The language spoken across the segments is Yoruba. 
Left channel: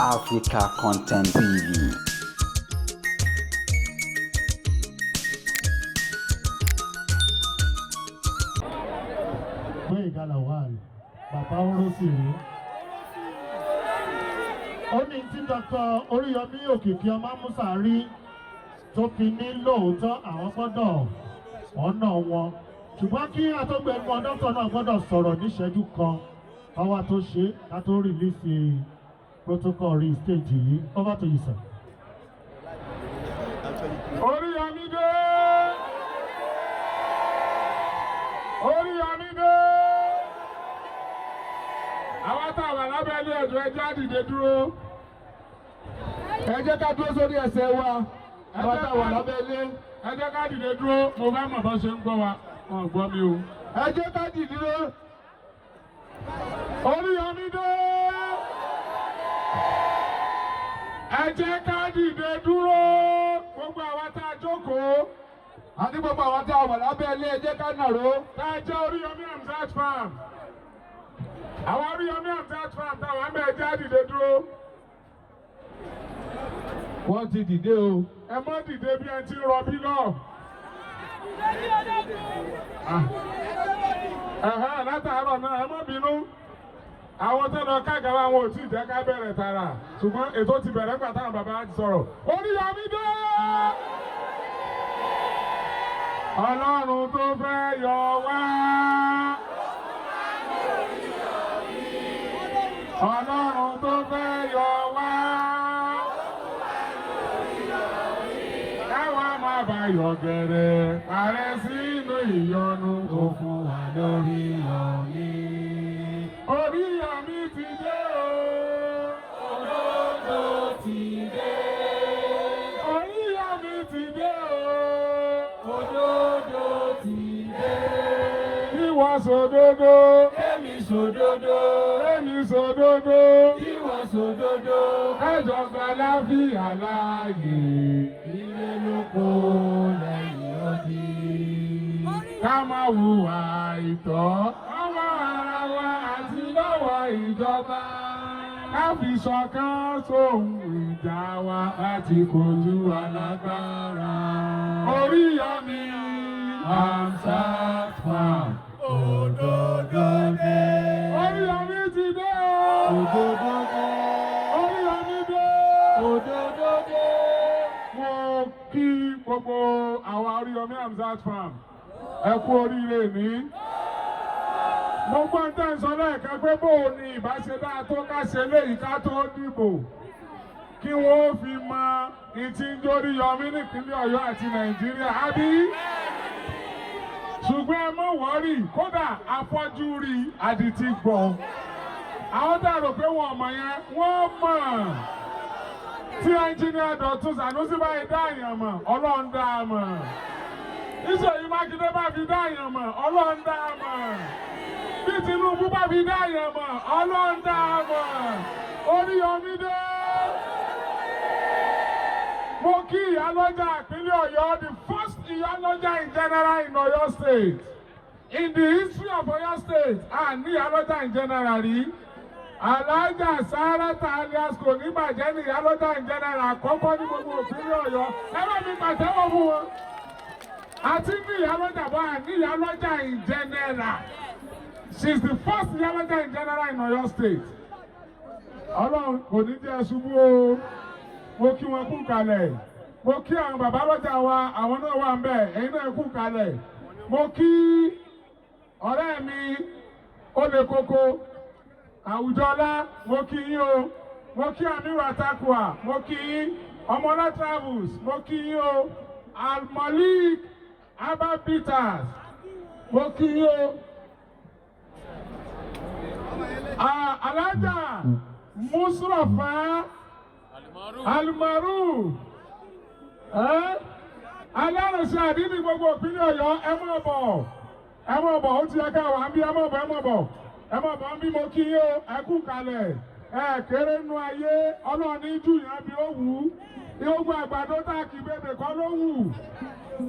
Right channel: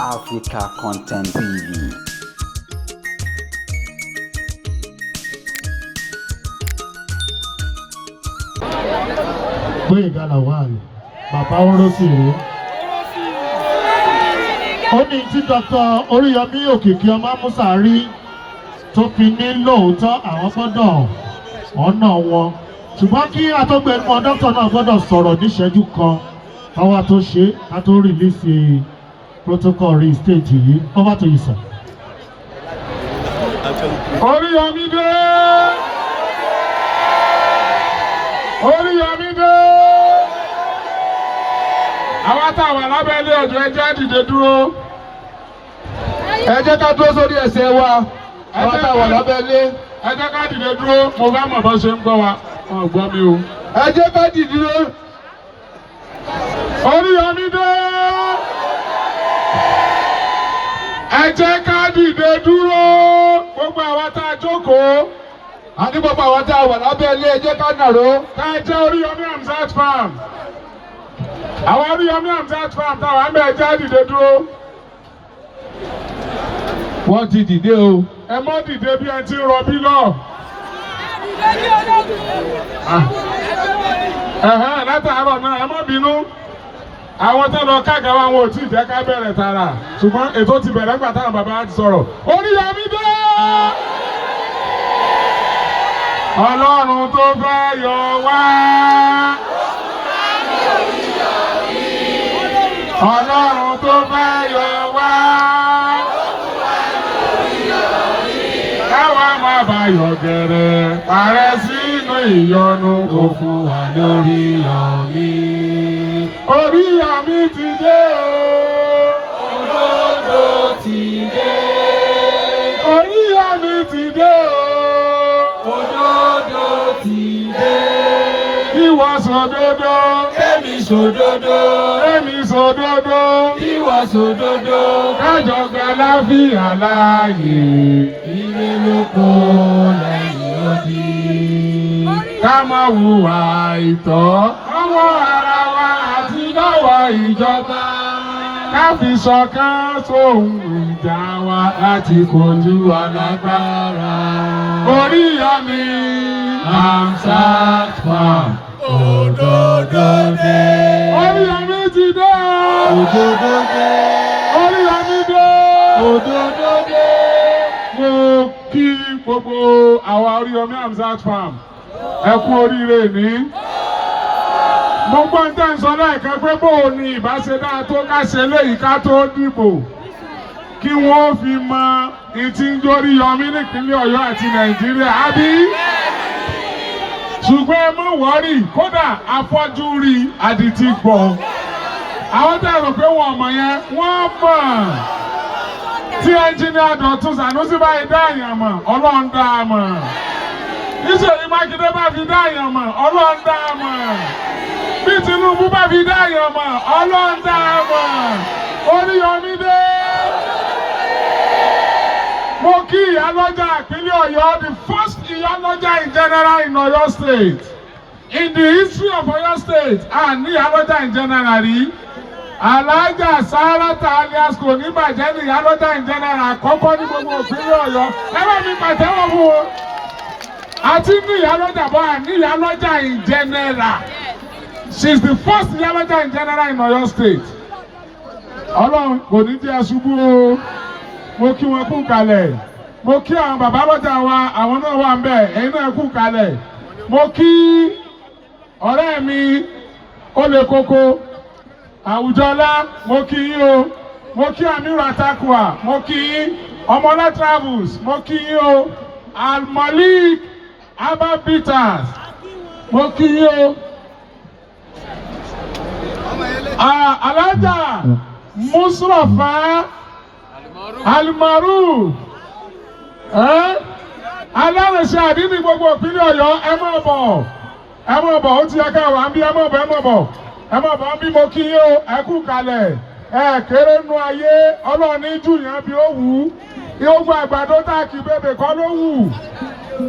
Africa Content TV. Gboyega lawal, bàbá Orosiri. Ó ní tí Dr. Oriyomi Hamzat tó fi ní lóòótọ́ àwọn gbọ́dọ̀ ọ̀nà wọn. Ṣùgbọ́n kí atọ́gbẹ̀mọ dókítà náà gbọ́dọ̀ sọ̀rọ̀ níṣẹ́jú kan káwá tó ṣe ká tó rìlíìsì protocol rí stage yìí. Over to you, sir. Oriyomi dé! Oriyomi dé! Àwa tá a wà lábẹ́ ilé ọjọ́ ẹ jẹ́ á dìde dúró. Ẹ jẹ́ ká dúró sórí ẹsẹ̀ wa. Àwa tá a wà lábẹ́ ilé. Ẹ jẹ́ ká dìde dúró. Mo bá mọ̀ bá ṣe ń gbọ́ wa. Wọ́n gbọ́ mi o. Ẹ jẹ́ ká dìde dúró. Oriyomi dé! Ẹ jẹ́ ká dìde dúró. Gbogbo àwa tá a jókòó. Àní gbogbo àwa tá a wà lábẹ́ ilé ẹ jẹ́ ká nàró. Ká ẹ jẹ́ Oriyomi Hamzat farm. Àwọn Oriyomi Hamzat farm táwọn àmì ẹ jẹ́ á dìde dúró. Wọ́n ti dìde o. Ẹ mọ́ dìde bí ẹ ti ń rọbí lọ. Látàárọ̀ náà ẹ mọ́ bínú. Àwọn tó lọ káàkiri àwọn ò tí ì jẹ́ ká bẹ̀rẹ̀ tààrà. Ṣùgbọ́n ètò ti bẹ̀rẹ̀ nígbà táwọn bàbá ti sọ̀rọ̀. Oriyomi dé! Ọlọ́run tó fẹ́ yọ wá. Ọlọ́run tó fẹ́ yọ wá. Káwa má bá yọ̀ gẹ̀rẹ̀, parẹ́ sínú ìyọnu kò fún wa lórí Oriyomi. Oriyomi ti dé o. Òdodo ti dé. Oriyomi ti dé o. Òdodo ti dé. Ìwọ sòdodo. Èmi sòdodo. Èmi sòdodo. Ìwọ sòdodo. Kájọ gba láfíà láàyè. Ire lóko lẹ́yìn odi. Ká má hùwà àìtọ́. Ọwọ́ ara wa àti lọ́wọ́ ìjọba. Ká fi ṣọ̀kan sóhun ìjà wa láti kojú alágbára. Oriyomi Hamzat farm. Òdodo dé. Oriyomi ti dé. Òdodo dé. Oriyomi dé. Òdodo dé. Mo kí gbogbo àwa Oriyomi Hamzat farm. Ẹ kú oríire ní. Mo gbọ́ ń tẹ́ ń sọ lẹ́ẹ̀kan pé bó o ní ìbáṣedá tó ká ṣe léyìí ká tó dìbò. Kí wọ́n fi mọ ìtí ń jórí Oriyomi nípínlẹ̀ Ọ̀yọ́ àti Nàìjíríà. Àbí? Ṣùgbọ́n ẹ má wọ́rì kódà afọ́jú rí àdìtì gbọ́. Àwọn tẹ́ rò pé wọ́n mọ̀ yẹn wọ́n mọ̀. Tí ẹnjìnìá Dọ̀tun Sànúsí báyìí dá èèyàn mọ̀, Ọlọ́run dá a mọ̀. Ìṣèyí Mákindé bá fi dá èèyàn mọ̀, Ọlọ́run dá a mọ̀. Bí Tinubu bá fi dá èèyàn mọ̀, Ọlọ́run dá a mọ̀. Oriyomi dé. Mo kí ìyálọ́jà ìpínlẹ̀ Ọ̀yọ́, the first ìyálọ́jà in general in Ọ̀yọ́ state. In the history of Ọ̀yọ́ state, and ìyálọ́jà in general rí. Alájà Sáràtà alias kò ní bàjẹ́ ní ìyálọ́jà in general àkọ́kọ́ ní gbogbo ìpínlẹ̀ Ọ̀yọ́. Ẹ bá mi pàtẹ́wọ́ fún wọn. Àti ní ìyálọ́jà bọ́ àní ìyálọ́jà in general. She is the first ìyálọ́jà in general in Ọ̀yọ́ state. Ọlọ́run kò ní jẹ́ aṣubú o. Mo kí wọn kú kalẹ̀. Mo kí àwọn bàbá lọ́jà wa, àwọn náà wà ń bẹ̀, ẹ̀yin náà kú kalẹ̀. Mo kí ọ̀rẹ́ mi Olè Koko Àwùjọlá, mo kí yín o. Mo kí Amiru Atakwa, mo kí yín. Ọmọlá Travels, mo kí yín o. Al-Malik Abba Peters, mo kí yín o. Alájà Musrafa Alimaru alárẹ̀ṣẹ̀ àdínní gbogbo ìpínlẹ̀ Ọ̀yọ́ ẹ má bọ̀ ó ti yẹ ká wà ń bí ẹ má bọ̀ ń bí mo kí yín o ẹ kú kalẹ̀ ẹ kéré nú ayé Ọlọ́run ní jù yẹn bí ó wù ú ìhógbó àgbàdo tá a kì í bèbè kọ́ ló wù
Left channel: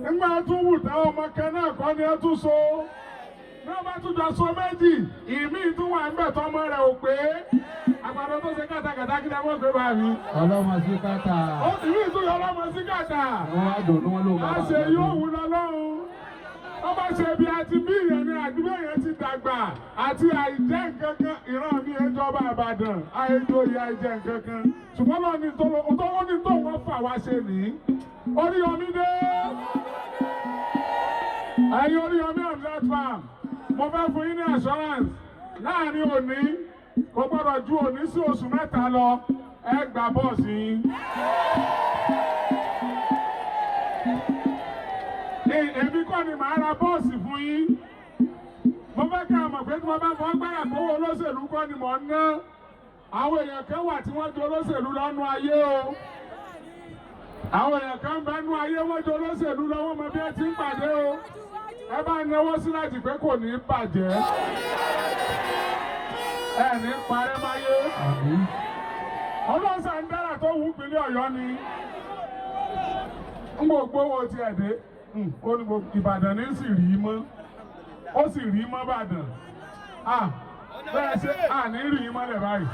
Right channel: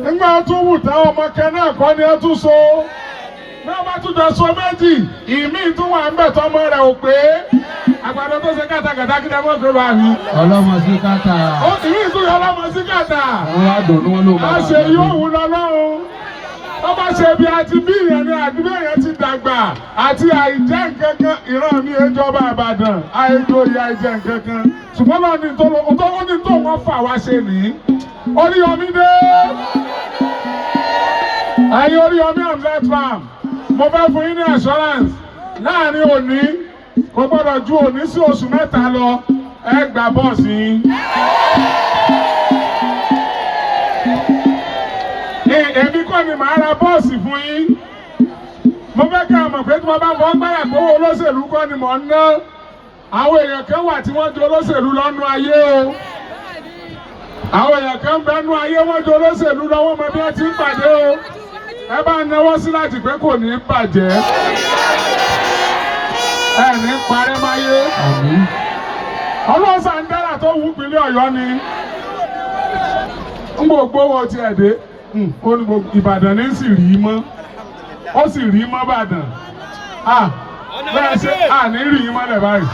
nígbà tó wù táwọn ọmọ kẹ náà kọ́ ni ẹ tún so náà bá tún jọ so méjì ìmí tún wà ń bẹ̀ tọ́mọ rẹ̀ ò pé àgbàdo tó ṣe kàtàkàtà kí ẹ mọ̀ pé bá mi. Ọlọ́mọ sí kàtà. Ó ti rí ìtúyọ̀ ọlọ́mọ sí kàtà. Àwọn àdùn ni wọ́n ló bá. A ṣe yóò wù lọ́lọ́run. Ó bá ṣe bí àti bí ìyẹn ni àdúgbò yẹn ti dàgbà àti àìjẹ́ nǹkankan ìran mi ìjọba Ìbàdàn àìjòyè àìjẹ́ nǹkankan. Ṣùgbọ́n náà ní tó wọ́n fà wá ṣe nìyí. Oriyomi dé. Ẹ̀yin Oriyomi Hamzat farm. Mo fẹ́ fún yín ní assurance láàrin òní kò gbọ́dọ̀ ju òní sí oṣù mẹ́ta lọ ẹ gba bọ́ọ̀sì yín. Èmi kọ́ ni màá ra bọ́ọ̀sì fún yín. Mo fẹ́ kí a mọ̀ pé tí wọ́n bá fọ́ gbáyà pé owó olóṣèlú kọ́ ni mò ń ná. Àwọn èèyàn kan wà tí wọ́n ju olóṣèlú lọ́nu ayé o. Àwọn èèyàn kan bẹ́nu ayé wọ́n ju olóṣèlú lọ́wọ́ mọ bí wọ́n ti ń pàdé o. Ẹ bá náwó sí láti pé kò ní bàjẹ́. Ẹ ní parẹ́ máyé. Ọlọ́sàn dára tó wù pínlẹ̀ Ọ̀yọ́ ni. Ń gbogbo wo ti ẹ̀ dé. Ìbàdàn ní sì rí mọ́. Ó sì rí mọ́ Ìbàdàn. Bẹ́ẹ̀ ṣe àní rí yín mọ́lẹ̀ báyìí.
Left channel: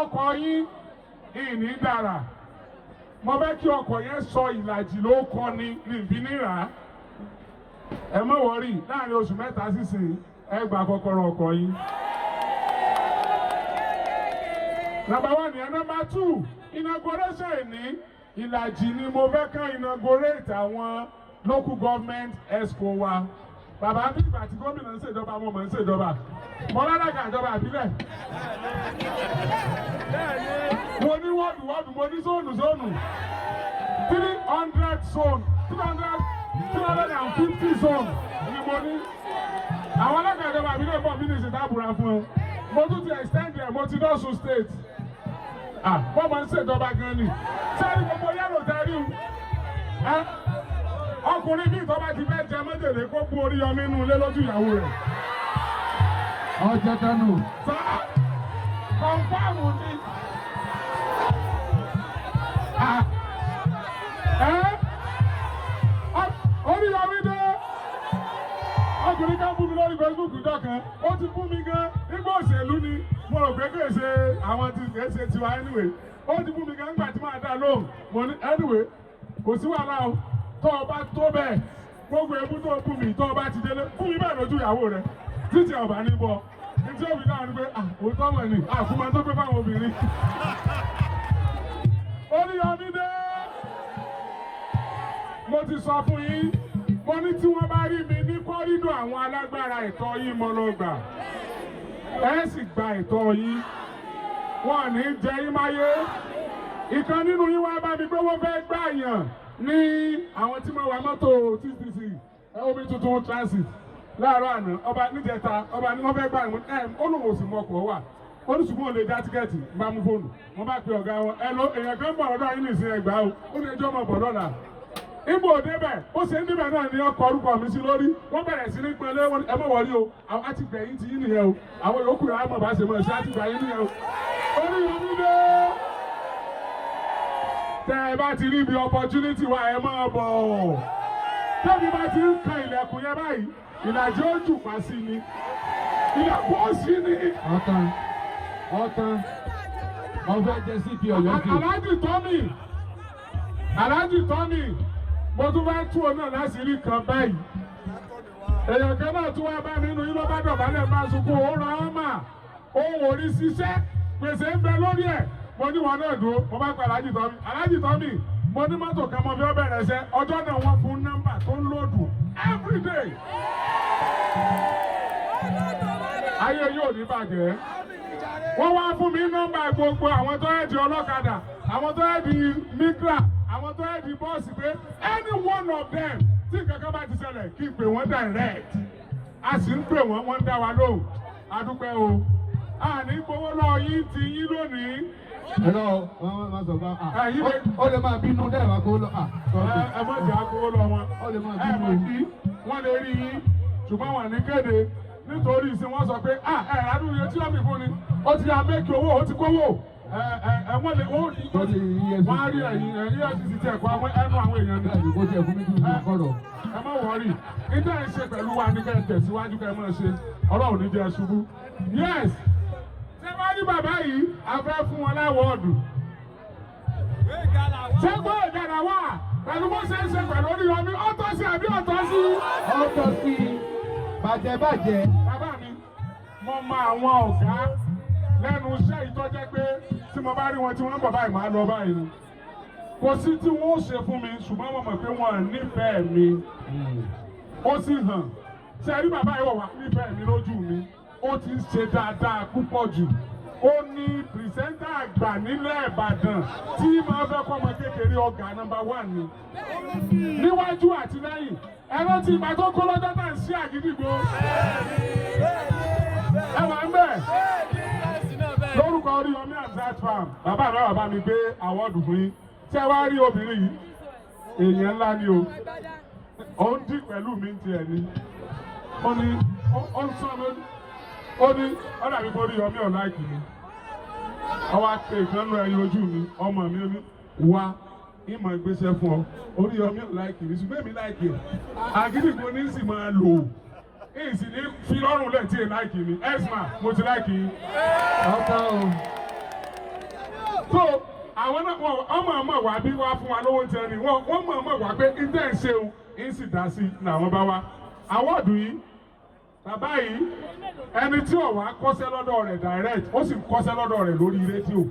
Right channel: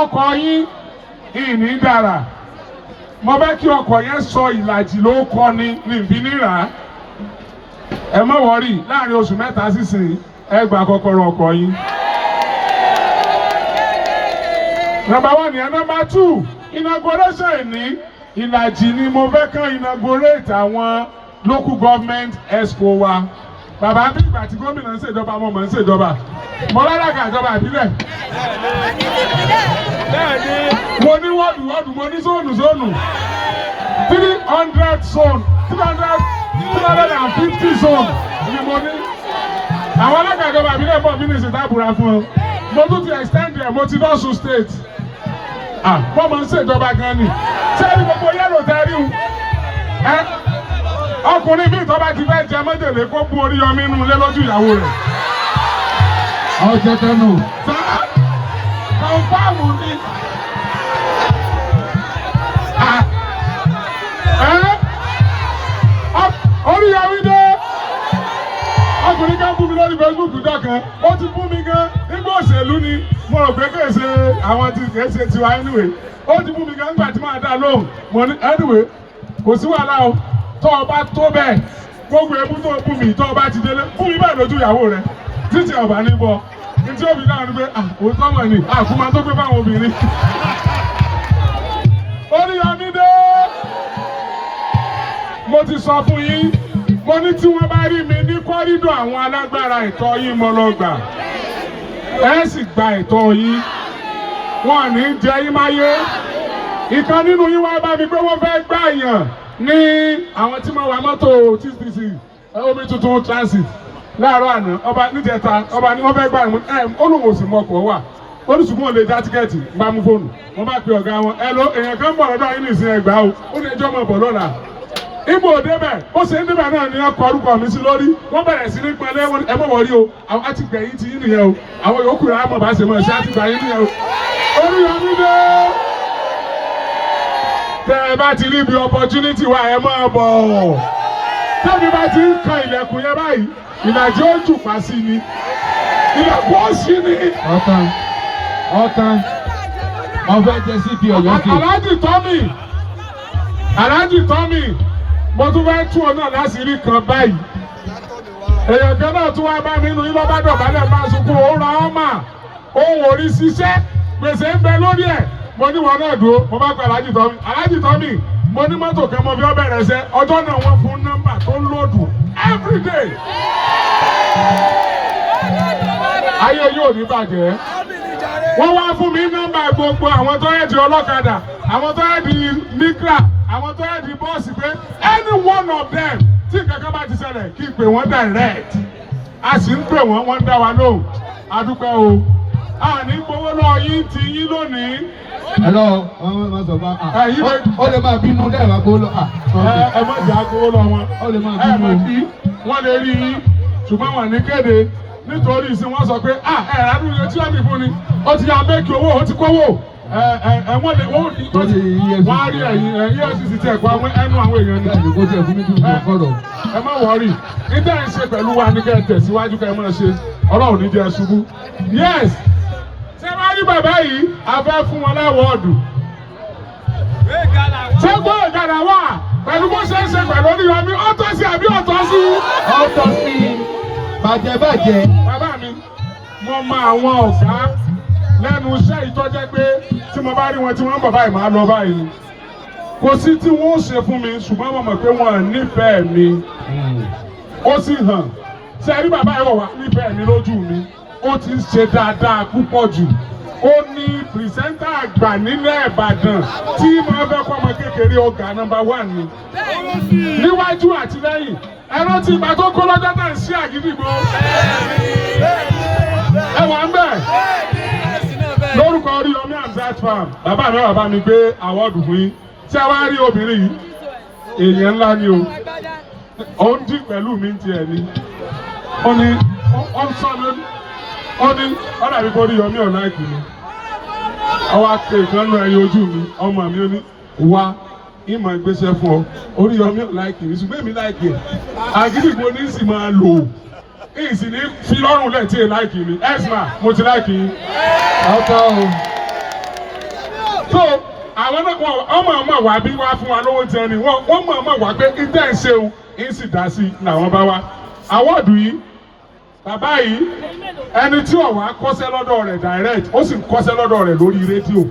Ọkọ̀ yín ìní dára. Mo fẹ́ kí ọkọ̀ yẹn sọ ìlàjì ló kọ́ ni níbi níra. Ẹ má wọrí láàrin oṣù mẹ́ta sísìn ẹ gba kọ́kọ́rọ́ ọkọ̀ yín. Number 1 yẹn. Number 2 inauguration ìní ìlàjì ni mo fẹ́ kàn inaugurate àwọn local government expo wa. Bàbá bí ìgbà tí gómìnà ń ṣèjọba mo mọ̀ ń ṣèjọba. Mo lálága ìjọba ìbílẹ̀. Mo ní wọ́ọ̀dù mo ní zónù 300 zone 350 zone ni mo ní. Àwọn alága ìjọba ìbílẹ̀ bọ̀ mínísítì tábùrà fún ọ. Mo tún ti extend ẹ̀ mo ti lọ́sùn state. Wọ́n máa ń ṣèjọba gan ni. Sẹ́ni gbogbo yẹ́lò tẹ́rí o. Ọkùnrin bí ìtọ́ba ti fẹ́ jẹ mọ́jèlé kó bu Oriyomi nù lé lójú ìyàwó rẹ̀. Ọjọ́ tẹnu. Kọ̀ǹfàmù ni. Oriyomi dé. Ọkùnrin kan bú mi lórí Facebook dọ́kan. Ó ti bú mi gan. Nígbà òṣèlú ni mo rò pé kèsè àwọn tí kèsè tiwa anyway. Ó ti bú mi gan nígbà tí màá dá lóhùn. Mo ní anyway kò sí wàhálà o. Tó o bá tó bẹ́ẹ̀ gbogbo ebú tó bú mi tó o bá ti délé bú mi bẹ́ẹ̀ lójú ìyàwó rẹ̀ títí ọ̀bà ní bọ̀. Ntí òbí dáhùn ni pé òótọ́ mọ̀ ni àkúmọ̀ tó gbé fáwọn obìnrin. Oriyomi dé. Mo ti sọ fún yín mo ní tí wọ́n bá rí mi ní kọ́rídọ̀ àwọn alágbára ẹ̀tọ́ yín mo lọ gbà. Ẹ sì gba ẹ̀tọ́ yín. Wọ́n ní jẹ yín máyé. Ìkan nínú yín wá bá mi pé wọ́n fẹ́ gbà yàn ní àwọn tí mo wà mọ́tò TCC omi tuntun transit láàárọ̀ àná ọba níjẹta ọba ní wọ́n fẹ́ gbà yàn olùwò sì mọ̀kọ̀ wà olùsùnmọ̀ lè já tíkẹ́ẹ̀tì bá mú fóònù wọ́n bá pe ọ̀gá wọn ẹ lọ èèyàn kan bọ̀ lọ́dọ̀ yín nìsín ẹgbàá o ó ní ẹjọ́ mọ̀ bọ̀ lọ́la. Ibo débẹ̀ ó ṣe ń débẹ̀ náà ni ọkọ̀ orúkọ mi sí lórí wọ́n bẹ̀rẹ̀ sí ní pẹ́lẹ́ wọn ẹ mọ̀ wọlé o àwọn àti gbẹ̀yìn ti yín nìyẹn o àwọn yòókù rẹ̀ á mọ̀ bá ṣe mọ̀ ṣe àti gbẹ̀yìn nìyẹn o. Oriyomi dé. Tẹ́ ẹ bá ti rí ibi opportunity wa ẹ máa bọ̀. Tẹ́mi bá ti ń kan ilẹ̀kùn yẹn báyìí ìlàjì ó jù pa sí ni ilẹ̀kùn ó sí ni. Ọ̀tán wọ́n fẹ́ jẹ sí ti Ọ̀yọ́ sí. Aláàjì Tọ́mì mo tún fẹ́ tún ọ náà láṣìírí kan báyìí. Èèyàn kan náà tún wá bá mi nínú yín lọ́ba dọ̀bálẹ̀ bá sunkún òun ra ọmọ òun ò rí ṣiṣẹ́ gbèsè ń bẹ lórí ẹ̀. Mo ní wọn náà dúró mo bá gba Aláàjì Tọ́mì mo ní mọ́tò kan mo fi ọ bẹ̀rẹ̀ ṣẹ́ ọjọ́ náà wọ́n fún nọ́mbà tó ń lòdù everyday. Ayé yóò ní bàjẹ́. Wọ́n wá fún mi nọ́mbà gbogbo àwọn tó yẹ di ọlọ́kadà àwọn tó yẹ di mikra àwọn tó yẹ di bọ́ọ̀sì pé any one of them tí kankan bá ti ṣẹlẹ̀ kí n pè wọ́n direct. A sì ń pè wọ́n dá wa lóhùn. A dúpẹ́ o. Àní gbowó lọ yín ti yín lónìí. Hello, wọ́n sọ fún ó lè máa bínú lẹ́ẹ̀ma gbowó lọ. Ẹ má jà gbowó lọ wọn. Ó lè máa Ẹ má bínú. bí wọ́n lè rí yín ṣùgbọ́n wọ́n ní kéde nítorí ìsìn wọ́n sọ pé ẹ̀rọ iye tí wọ́n ní fún ni ó ti yá méèkì owó ó ti kówó wọ́n lè wọ́n á rí ẹ̀yìn EFCC ti ẹ̀kọ́ ẹnu àwọn èèyàn ní. Bẹ́ẹ̀ni kó tiẹ̀ fún mi kí n kọ̀rọ̀. Ẹ má wọrí níta ẹ̀ ń ṣe pẹ̀lú wa ní kẹ́ ẹ tẹ̀síwájú kẹ́ ẹ máa ṣe Ọlọ́run ní jẹ́ ṣubú. Yes ṣé wàá rí bàbá. bàbá yìí a fẹ́ fún wọn láwọ́ọ̀dù. Ṣé Gboyega wà pẹ̀lú bó ṣe ń ṣe pẹ̀lú Oriyomi ọ̀tọ̀ sí àbí ọ̀tọ̀ sí? Ọ̀tọ̀ sí bàjẹ́. Bàbá mi, mo mọ àwọn ọ̀gá lẹ́nu iṣẹ́ ìtọ́jẹ́ pé tí mo bá rí wọn tí wọ́n ń bọ̀ báyìí máa lọ báyìí. Kò sí tí wọ́n ó ṣe fún mi ṣùgbọ́n mo mọ̀ pé wọ́n nífẹ̀ẹ́ mi. Ó sì hàn. Ṣé ẹ rí bàbá yìí wọ̀ wá nífẹ̀ẹ́ mi lójú mi? Ó ti ń ṣe dáadáa púpọ̀ jù. Ó ní pìrìsẹ́ńtà àgbà nílẹ̀ Ìbàdàn tí máa fẹ́ kọ́ ọmọ kékeré ọ̀gá nọ́mbà 1 ni. Níwájú àti lẹ́yìn, ẹ̀rọ tí ìgbà tó kó lọ́jọ́ náà ń ṣí àgídìgbò. Ẹ wà ń bẹ̀. Lórúkọ Oriyomi Hamzat farm, bàbá mi wà bá mi gbé àwọ̀dù fún yín. Ṣé wàá rí obìnrin yìí? Èèyàn ńlá ni o. Ó ń dín pẹ̀lú mi ti ẹ̀ ni. Ó ní ó ń sọ lónìí. Ó ní ọ̀nà àbíkó Oriyomi ọ̀nà ìkìlẹ̀. Ọwọ́ aké ìkànnì ẹ̀yìn ojú mi, ọmọ mi ó ní wá ìmọ̀ ìgbésẹ̀ fún ọ. Oriyomi ọ̀nà ìkìlẹ̀ ṣùgbọ́n èmi láìkì ẹ̀. Àgídìgbò ní sì máa lò. Ìsìn ní fi lọ́rùn lẹ̀ tí ì láìkì mi. Ẹ̀sìnà mo ti láìkì yín. Ọkọ o. So àwọn náà ọmọ wà bí wá fún wa lówó tí ẹni wọ́n mọ̀ wá pé ìdá ẹ̀ ṣeun ń sì dá sí làwọn bá wá. Àwọ̀dù yìí bàbá yìí ẹni tí ó wá kọ́ṣẹ́ lọ́dọ̀ rẹ̀ direct ó sì kọ́ṣẹ́ lọ́dọ̀ rẹ̀ lórí rédíò.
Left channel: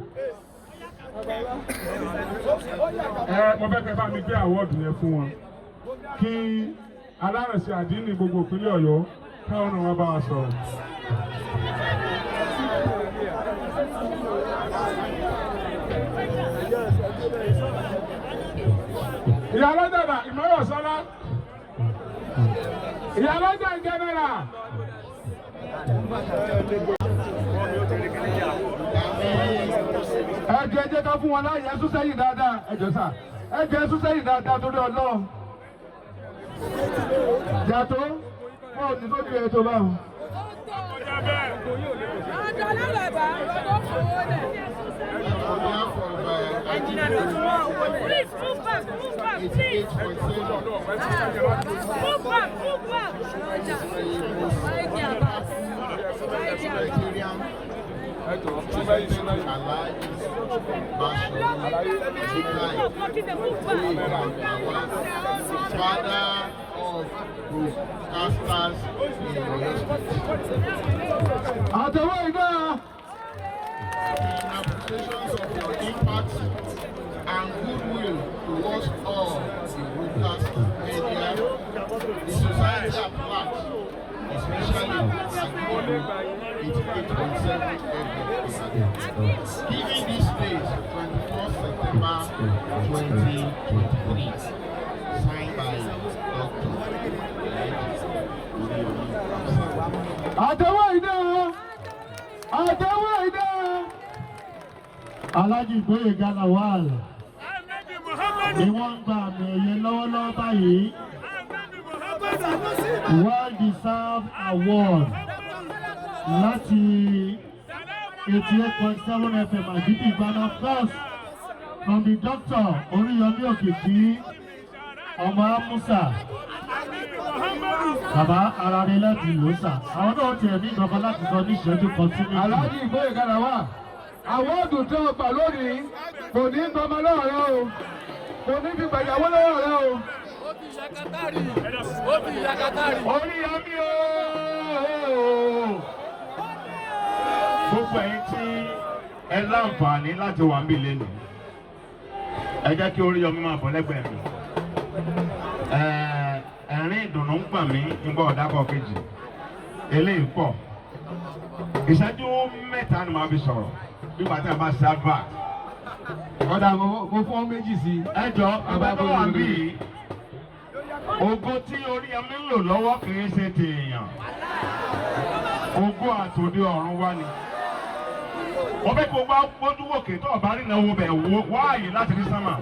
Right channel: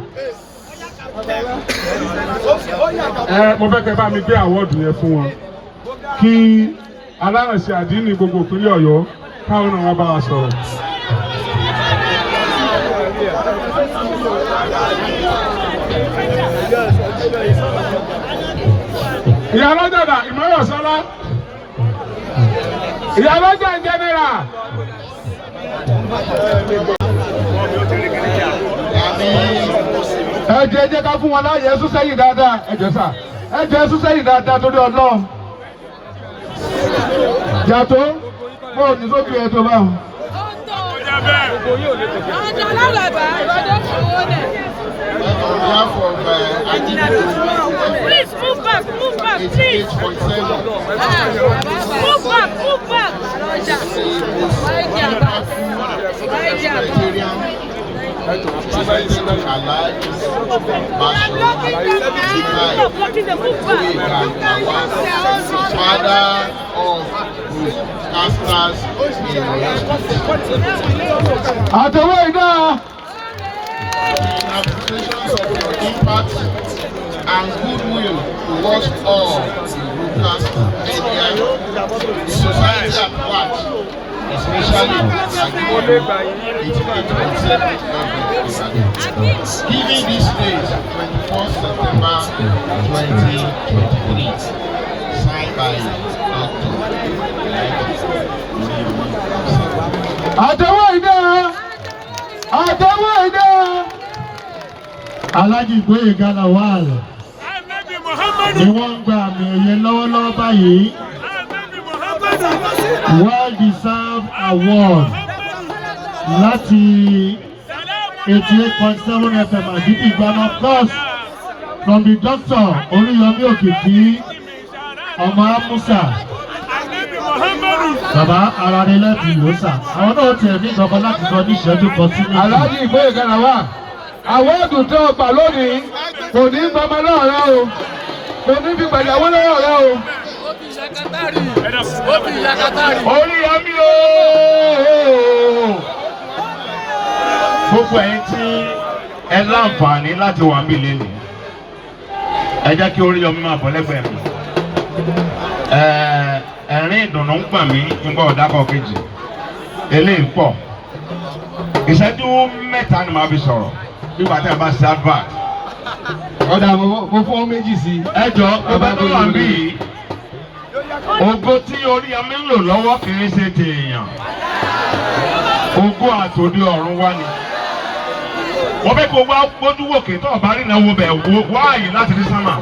Mo fẹ́ kẹ́ bá mi gbé àwọ̀dù yẹn fún wọn kí alárànṣe àdínní gbogbo ìpínlẹ̀ Ọ̀yọ́ káwọn náà wá bá wa sọ̀rọ̀. Ìyá lọ́jà dà Ìmọ̀ràn Sọ́lá. Ìyá lọ́jà ń jẹ́nẹ́rà. Ẹ jẹ́ ká fún wọn láàyè ẹ̀sùn sẹ́yìn dáadáa. Ẹ jẹ́ sà. Ẹ jẹ́ ẹ̀sùn sẹ́yìn dáadáa torí Ọlọ́run. Yàtọ̀ mo ò ní sójú ẹ̀ tó bá wọn. Ọjọ́ lálàbà ìwádìí fowó dẹ̀. Please move back, please. Move back. Ọjà. Wáyé àbá. Father of broadcasters in Oyo State. Àtẹ̀wé iná. In appreciation of your impact and goodwill towards all the broadcast media, the society at large, especially Agboyega 88.7 giving this date 24th September 2023, signed by Dr. Àtẹ̀wé iná. Alhaji Gboyega lawal ni wọ́n ń gba àmì ẹ̀yẹ lọ́wọ́lọ́wọ́ báyìí. Well-deserved award láti 88.7 FM àdìbì Ghana, of course, from the doctor Oriyomi Òkìkí ọmọ Amusa. Bàbá ara rẹ̀ lẹ́bi ló sà. Àwọn náà tiẹ̀ ní ìgbọ̀kan láti sọ ní ìṣẹ́jú kan sí méjì. Alhaji Gboyega lawal. Àwọ́dù tó gbà lónìí kò ní gbọmọ lọ́rọ̀ o. Kò ní fi gbàyàwó lọ́rọ̀ o. Oriyomi o. Gbogbo ẹ̀yin tí ẹ láǹfààní láti wà níbí lẹ́nu. Ẹ jẹ́ kí Oriyomi máa bọ̀ lẹ́gbẹ̀ẹ́ mi. Ẹ̀rín ìdùnnú ń gbà mí nígbà ọ̀dàkọ̀ kejì. Eléyìí pọ̀. Ìṣẹ́jú mẹ́ta ni màá fi sọ̀rọ̀. Bí wàá tẹ̀ bá ṣe advert. Ọ̀dà mo fọ́ méjì sí. Ẹ jọ bàbá tó wà níbí yìí. Ògo tí Oriyomi ń lò lọ́wọ́ kì í ṣe tèèyàn. Ògo àtòdì ọ̀run wá ni. Wọ́n fẹ́ kó wá gbójú wòkè tó ọ̀bá rí náà wo bẹ̀ wá àyè láti rí sánmà.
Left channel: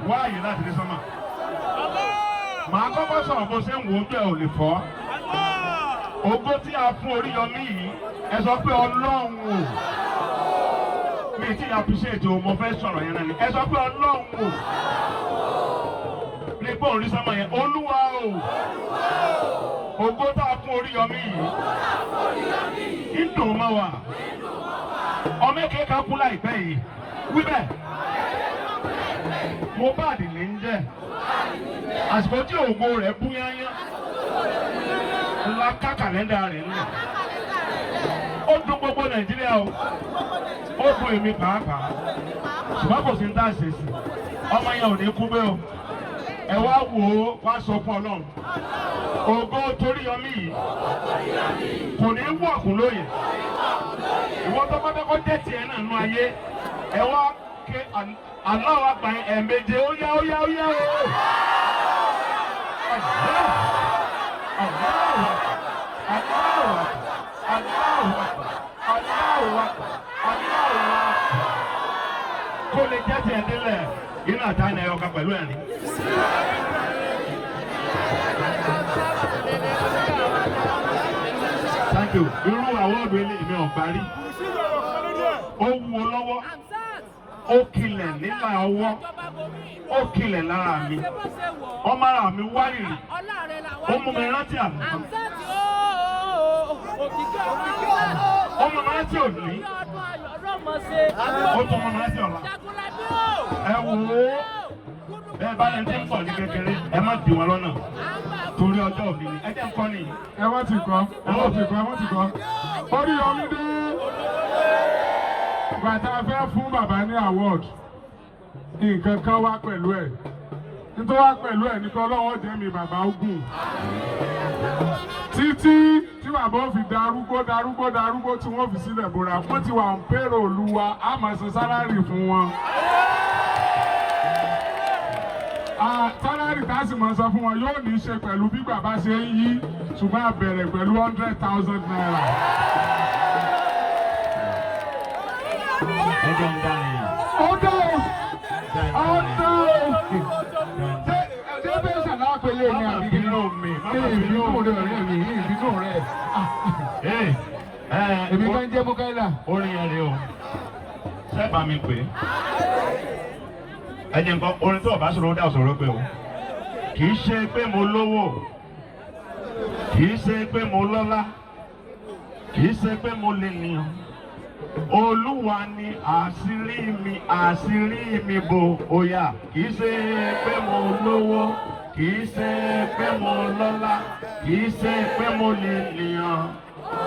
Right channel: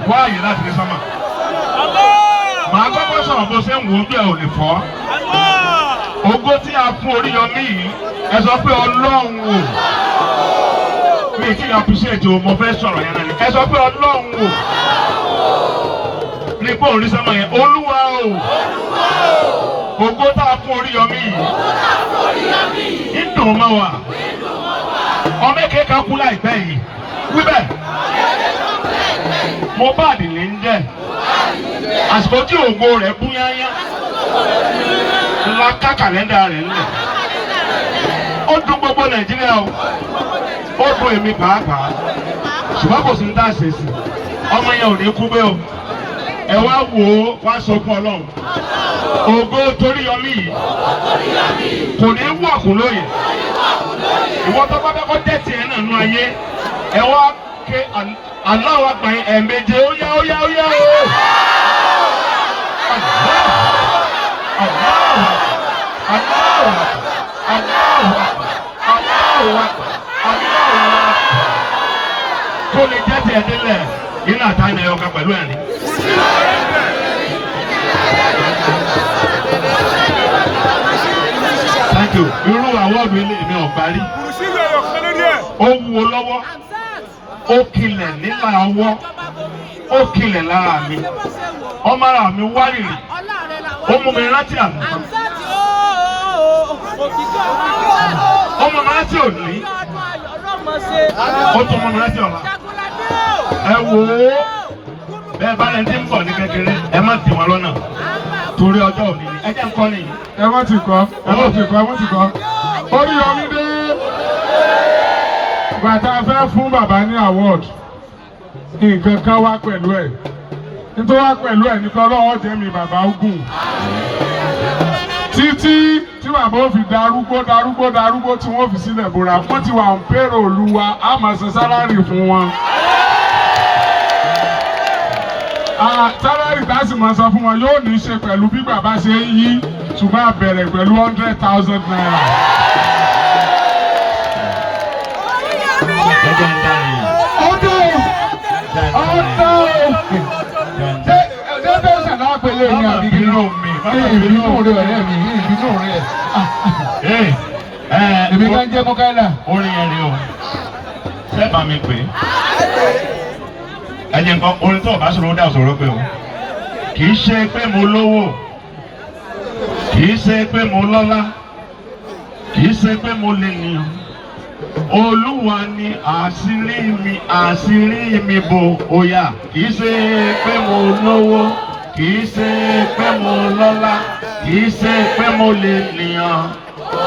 Màá kọ́kọ́ sọ̀rọ̀ bó ṣe ń wo ojú ẹ̀ ò lè fọ́. Ògo tí a fún Oriyomi yìí, ẹ sọ pé Ọlọ́run o. Mi kì í appreciate o, mo fẹ́ sọ̀rọ̀ yẹn náà ni. Ẹ sọ pé Ọlọ́run o. Ní pé òun rí sánmà yẹn, Olúwa o. Ògo tá a fún Oriyomi yìí. Ìdùn máa wà. ọmọ èké kan kú láìpẹ́ yìí wíbẹ̀ Mohbad ní ń jẹ́ àsìkò tí ògo rẹ̀ bú yányá ńlá ká kàlẹ́ndà rẹ̀ ńlẹ̀ ó dùn gbogbo Nàìjíríà o ó dùn èmi pàápàá ṣùgbọ́n kò sí ní tá a ṣe sí ọmọ yẹn ò ní kú bẹ́ẹ̀ o ẹ wá wò ó wá sọ fún Ọlọ́run ògo Toríyọmí yìí kò ní wú ọ̀kùn lóye ìwọ tó bá fẹ́ kó tẹ̀sí ẹ̀ náà nú ayé ẹ wá ké aláwọ̀ àgbáyé ẹ̀ẹ̀méje ó yá ó yá ó yá o. Kó lè jẹ́ tiẹ̀ délẹ̀ nínú àtàyìn ẹ̀yọ̀ kan pẹ̀lú ẹ̀rín. Thank you. Irú àwọ̀dù ilé mi ò parí. Ó wúwo lọ́wọ́, ó kilẹ̀ nílà ọwọ́, ó kilẹ̀ lára mi. Ọmọ ara mi wárìrì, ó mú mi rántí àná. Ọmọ mi rántí òní, ó tún mú mi rántí ọ̀la. Ẹ wò ó, bẹ́ẹ̀ bá lẹ́ni tí ń bọ̀ ní kékeré, ẹ má dì wọ́n lọ́nà torí ọjọ́ òní ni. Ẹ jẹ́ nǹkan nìyí. Ẹ má ti kọ́, ẹ má ti kọ́, ẹ má ti kọ́. Oríyọmí dé. Bàtà fẹ́ fún bàbá ní award. Nǹkan kan wá pẹ̀lú ẹ̀. Nítorí wá pẹ̀lú ẹ̀ nípa ọlọ́wọ́ jẹ́ mi bàbá ogun. Títí tí bàbá ó fi darúgbó tí wọ́n fi sílẹ̀ bóra. Wọ́n ti wà ń pèrò olúwa, á máa san sálárì fún wọn. Sálárì tá a sì máa san fún wọn yóò ní í ṣe pẹ̀lú bí bàbá ṣe ń yí ṣùgbọ́n a bẹ̀rẹ̀ pẹ̀lú 100,000 naira. Ṣé bẹ́ẹ̀ ṣàná pẹ̀lú èmi àbí kí ló mi? Ìbínú rẹ̀ ọ̀rẹ́ mi, ìbínú rẹ̀. Èmi kan jẹ́ Mọ́kànlá. Orin yẹn rí o, ṣé bá mi pè é? Ẹ jẹ́ nǹkan orin tó o bá sọ̀rọ̀ ó dà sọ̀rọ̀ pé o. Kì í ṣe pé mo lówó, kì í ṣe pé mo lọ́lá, kì í ṣe pé mo lè nìyàn. Olúwa ni àṣírí mi bò óyá. Kì í ṣe pé mo lówó, kì í ṣe pé mo lọ́lá, kì í ṣe pé mo lè nìyàn.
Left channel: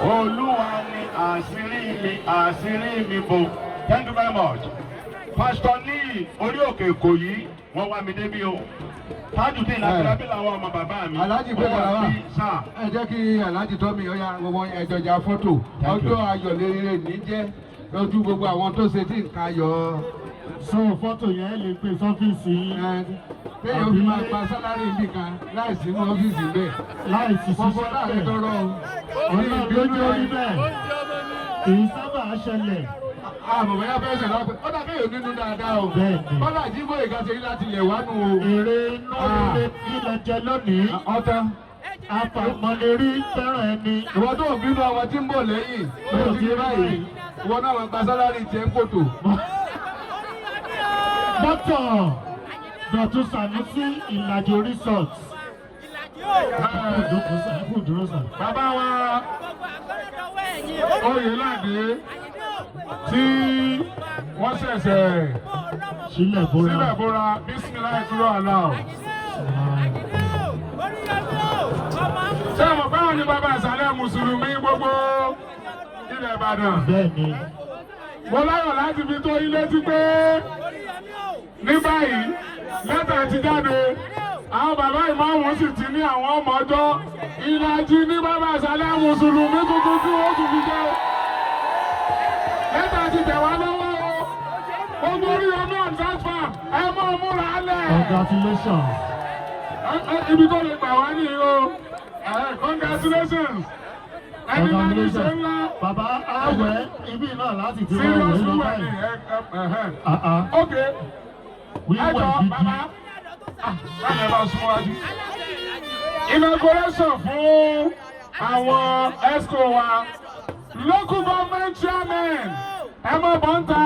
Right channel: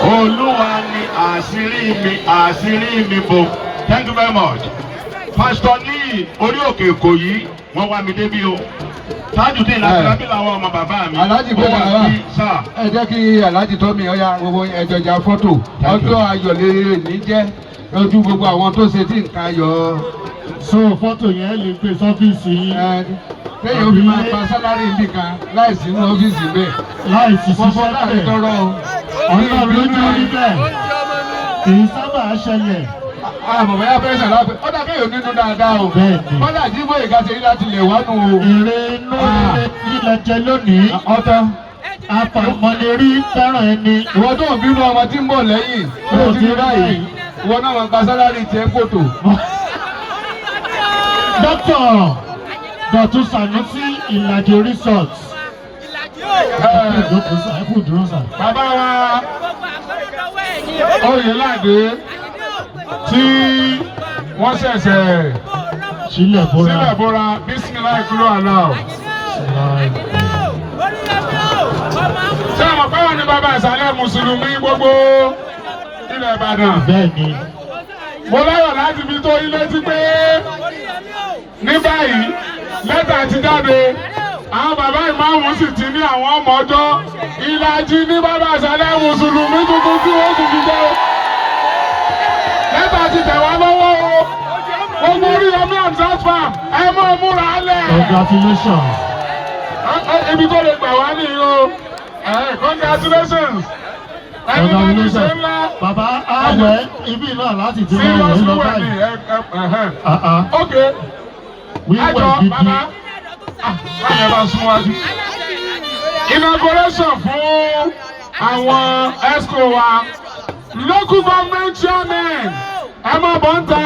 Olúwa ni àṣírí mi bò. Thank you very much. Pastor ní orí òkè Èkó yìí wọ́n wá mi débi o. Tajudeen Akílábí làwọn ọmọ bàbá mi. Alhaji Gboyega wa ẹ jẹ́ kí Alhaji tó mi ọ̀ya gbogbo ẹ̀jọ̀jà fọ́tò ọjọ́ ayọ̀ lè ní jẹ́ ojú gbogbo àwọn tó ṣe tí nǹkan ayọ̀. So fọ́tò yẹn lè gbé sọ́fíìsì yín. Téèyàn fi máa pa sálárì nìkan láìsí ní ọ́fíìsì bẹ́ẹ̀. Láìsí Fọ́fọ́ ṣiṣẹ́ láàrin bẹ́ẹ̀. tọrọ o. Ọ̀nà ló ní orí bẹ́ẹ̀. Kì í sábà ṣẹlẹ̀. Àmọ̀ bẹ́ẹ̀ fẹ́ ṣàlàpẹ́. Ó dà kéèyàn nínú dáadáa o. Bẹ́ẹ̀ni. Wọ́n dà jí Gboyega ṣe láti lè wánu o. Èrè inú ilẹ̀ jẹ lónìí. Ọ̀tọ̀. Afàmọ́lérí fẹ́ràn ẹni. Ìwọ tó ń bínú ọmọ tí ń bọ̀ lẹ́yìn. Ó ti rí báyìí. Ìwọ náà wọn gba sálárì tiẹ̀ kòtò. Dókítà Dọ̀tun Sanusi Ìlàjì Resort. Bàbá wa Oyèládé tí wọ́n ṣẹ̀ṣẹ̀ Sílẹ̀ bóra bísímìlá ìkúrò àná o. Ṣé àwọn báwọn ni bàbá ìsàlẹ̀ Mùsùlùmí gbogbo ilẹ̀ Ìbàdàn? Bẹ́ẹ̀ni. Mo láyọ̀ láti fi tó ilé tí pé ní báyìí lẹ́tà ti jáde àwọn bàbá ìmáàmù sì ti ní àwọn ọmọ ọjọ́ Ìlàjì ní bàbá ìsàlẹ̀ Mùsùlùmí tuntun tí ó tún fi jẹ́ o. Lẹ́tà ti tẹ̀ wá lọ́wọ́ o. Gbogbo Oriyomi Hamzat farm ẹ máa múra lẹ̀. Congratulations. Ibi tó lè gbà wá nìyí o. Congratulations. Ẹni bá ní ṣe ńlá. Bàbá àwẹ̀ ibi náà láti ti máa wẹ̀ lọ báyìí. Ok. Wíwẹ̀ gidi. Bàbá. Báyọ̀ bá súnwájú. Inauguration fún àwọn ESCO wa. Local government chairman. Ẹ máa bọ̀ ń ta.